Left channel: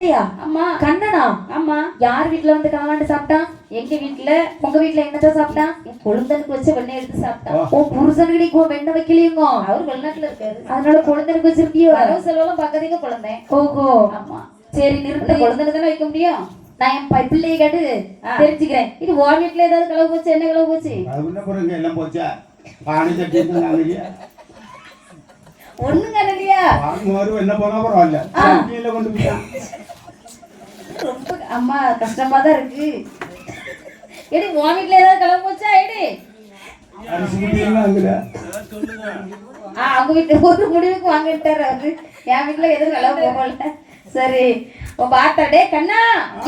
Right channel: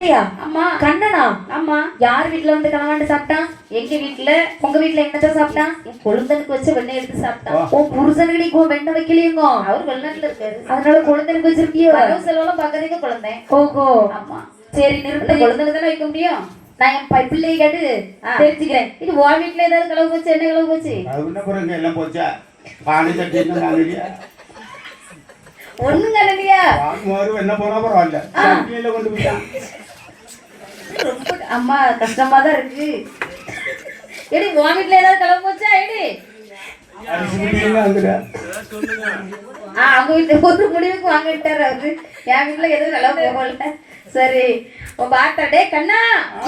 அம்மா கண்ணனா? ஆமா. யார் வீட்ல வந்து கலவாண்டு சாப்பிட்டான்? எங்க வீட்ல. உங்க வீட்ல என்னத்த சாப்பிட்டான்? என் கொழுந்தனுக்கு வச்ச வெண்ணெய் எடுத்து சாப்பிட்டான். ஓ புருஷனுக்கு நீ வெண்ணெய் வைக்கலையுங்க? அவர் வெளிநாட்டுல இருக்காரு. அதனால கொழுந்தனுக்கு வச்சிருக்கியோ? வரவு செலவெல்லாம் பக்கத்துக்கு குழந்தேன். ஓஹோ. ஆமா. சரி நிறுத்து. கொழுந்தனுக்கு தானே வைக்க முடியும். நான் என் பிள்ளையை கேட்டு தெரிஞ்சுக்கிறேன். இது உன் வீட்டுல ஏதாவது கலவு போச்சு? என்ன கலவு போச்சு? எல்லாம் போச்சா? பானி தட்டி ஒண்ணுங்க ரெடியா? என்ன போனா பரவாயில்ல. கீழே கொண்டு போயிட்டான். ரொம்ப அம்மா கஷ்டமா தான் இருக்கு. எடி உன் வீட்டுல ஏதாவது கலவு போச்சா? எடி அவங்க வீட்டுல ஒரு முடிவுக்கு வாங்கிட்டாரு அவரு. என் வீட்டுல எதுவும் கலவு போகல. சரி பாத்தாடே கண்ணா.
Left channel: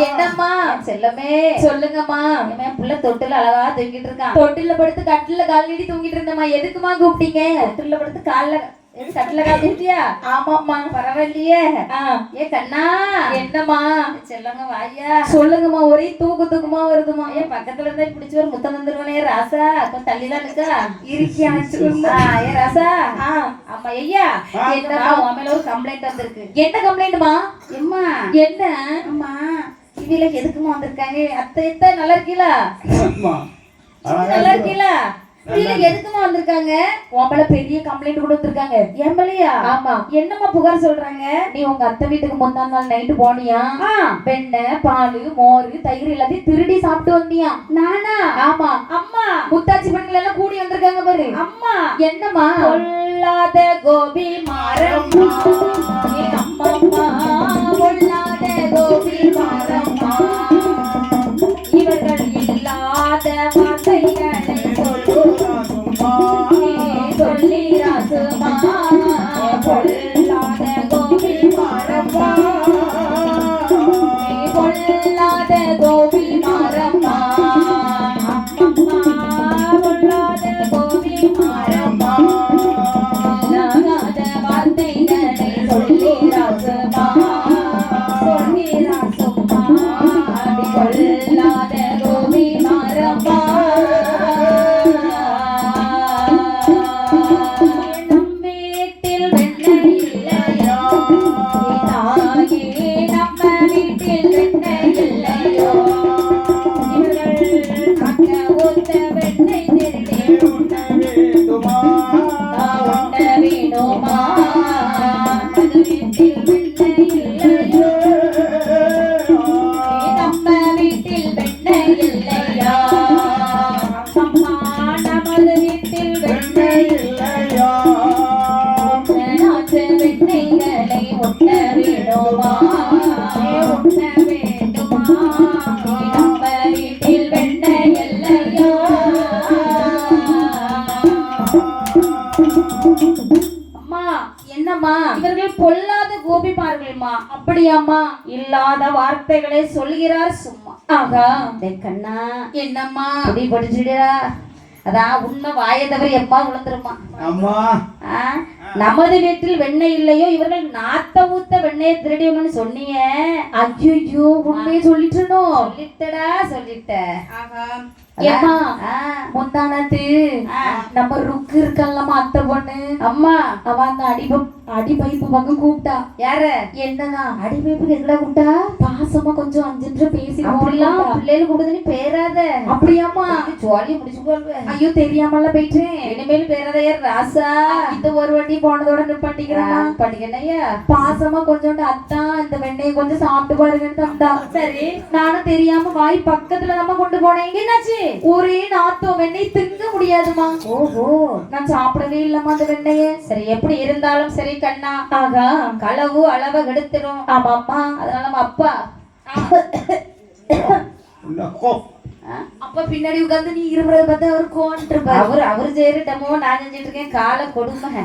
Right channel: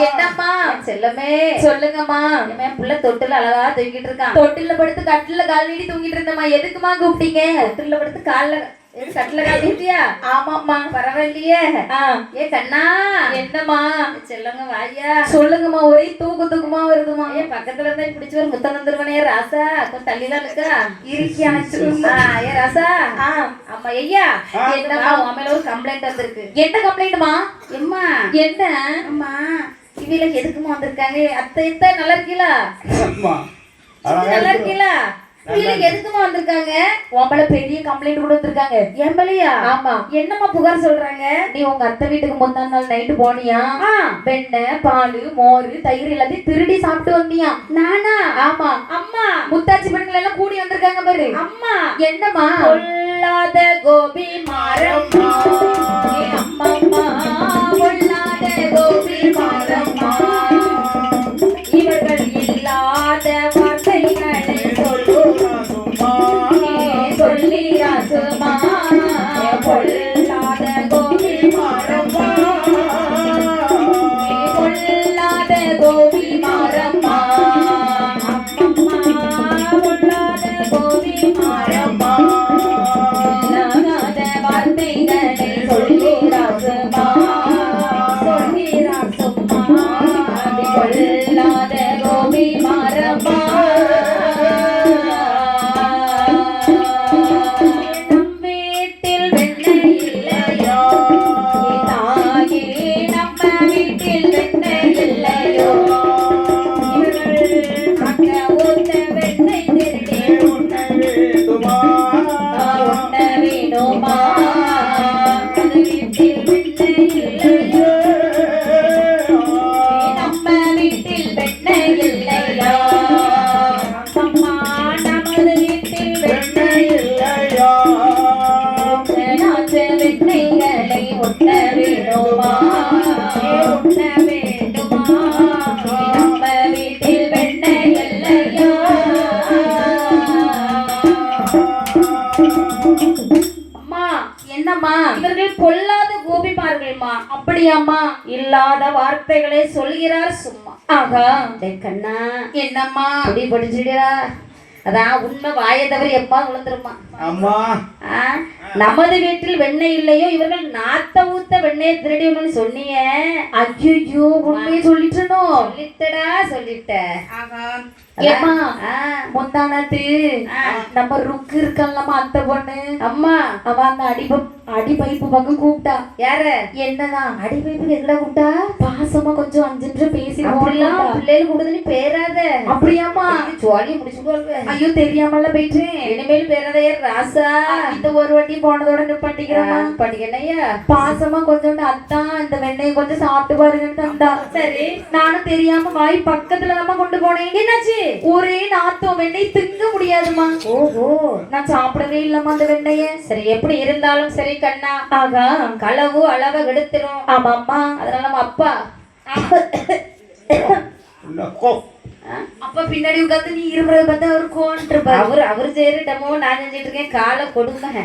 என்னம்மா? செல்லமே சொல்லுங்கம்மா. என் புள்ள தொட்டில அழகா தூங்கிட்டு இருக்கான். தொட்டில படுத்து கட்டில கால் நீடி தூங்கிட்டு இருந்தம்மா. எதுக்குமா கூப்பிட்டீங்க? தொட்டில படுத்து கால்ல கட்டில காட்டிட்டியா? ஆமாம்மா. பரவாயில்லையே. ஏ கண்ணா. என்னம்மா? செல்லங்க வாயா. சொல்லுங்கம்மா. ஒரே தூக்கமா வருதுமா. ஏன் பக்கத்துல இருந்தா பிடிச்சு ஒரு முத்தம் தந்துருவனே ராசா. கொஞ்சம் தள்ளிதான் இருக்கா இருக்கியாச்சு. ஏ ராசா. ஆமா ஐயா. என்னம்மா உன் மேல ஒரு கம்ப்ளைண்ட் வந்திருக்கு. என்ன கம்ப்ளைண்ட்மா? எம்மா என்ன? அம்மா இவில எதுக்குமா வந்திருக்காங்க? அத்தை நல்லா இருக்கீங்களா? நல்லா இருக்கீங்களா? இவில எதுக்குமா வந்திருக்காங்க? உன் பெரிய கம்ப்ளைண்ட் கூட வந்திருக்காங்க. என் மேலயா? ஆமா. என்னம்மா புகார் சொல்றாங்க? நீ உங்க அத்தை வீட்டுக்கு முந்தா நாள் நைட்டு போனியா? வெண்ணெய் பால் மோர் தயிர் எல்லாத்தையும் திருடி சாப்பிட்டு வந்தியா? நானா? ஆமா. அம்மா முத்தாச்சி பெண்கள் எல்லாம் கூடி வந்திருக்காங்க பாரு. அம்மா என்னம்மா? கொல்லாத கோபி மாரம்மா. அம்மா கொல்லாத கோபி மாரம்மா. இவர்கள் இல்லாத வார்த்தைகளை சொல்லியா சும்மா. கொல்லாத கோபி மாரம்மா. கொல்லாத கோபி மாரம்மா. கொல்லாத கோபி மாரம்மா. சொல்லாத வார்த்தைகளை சொல்லியா சும்மா. சொல்லிரா சும்மா. கொல்லாத கோபி மாரம்மா. இவர்கள் பொல்லாத கோபிமார்கள்மா. அப்படியாம்மா? இல்லாத வார்த்தைகளை சொல்கிறார் சும்மா. ஆகா. கண்ணா என்னம்மா? அப்படி படிச்சுடா. அதான் உண்மை வாயை தவிர எப்பா விழுந்துருமா. அம்மா நமது வீட்டில் வெண்ணெய் இல்லையோ இவர்கள் நாத்த ஊத்த வெண்ணெயை திருடியணும்னு சொன்னீங்க. ஐயோ உண்மையை சொல்லிட்டனோ? சொல்லிட்டடா சொல்லிட்ட. ஏமா முந்தானத்து நம்ம ருக்கு இருக்கல்லாமா அத்தை பொண்ணு. அம்மா அவ அந்த அடி பைப்பு பக்கம் கூப்பிட்டா. யார? என்னன்னா அடி பைப்பு எங்கடா கூப்பிட்டா? பாசமா கொஞ்சம் 5 நிமிஷம் பேசி அப்படிலாம் பிள்ளைகள் கூடுதுன்னு பேராத. அப்படியாமா? ஜோலி முடிச்சுக்கோ. ஐயோ தெரியாமல போயிட்டேன். இனிமேல் பேராத ராசா. இந்த ஒரு வாட்டி போனதோட நிப்பாட்டிக்கிறமா. பண்ணிக்கணையா? பாசமா கொஞ்சோண்டு அத்தா இந்த வெண்ணெயை கொஞ்சம் சாப்பிட்டு பாருங்கன்னு தந்தா. சரி நானும் தெரியாம வாய் பக்கத்துல நம்ம கொண்டு போனேன். என்னாச்சு? ஒரே நாத்தம். வெண்ணெய் திங்க முடியாதுமா. ஓஹோ. நான் சாப்பிடவே இல்லம்மா அந்த வெண்ணெய. சரி எப்படி இருந்தாலும் சரி கண்ணா. ஆகா. களவு அளவை கெடுத்துரும். ஆமாம்மா. அதனால நம்ம அப்பா அப்ப பின்னாடி உட்காந்து நீ இருமுறை பார்த்தா அவரு கோன்ட்டு அவரு செய்யறட்டமோ நான் செஞ்சிட்டு இருக்கேன். காலை கொடுமை.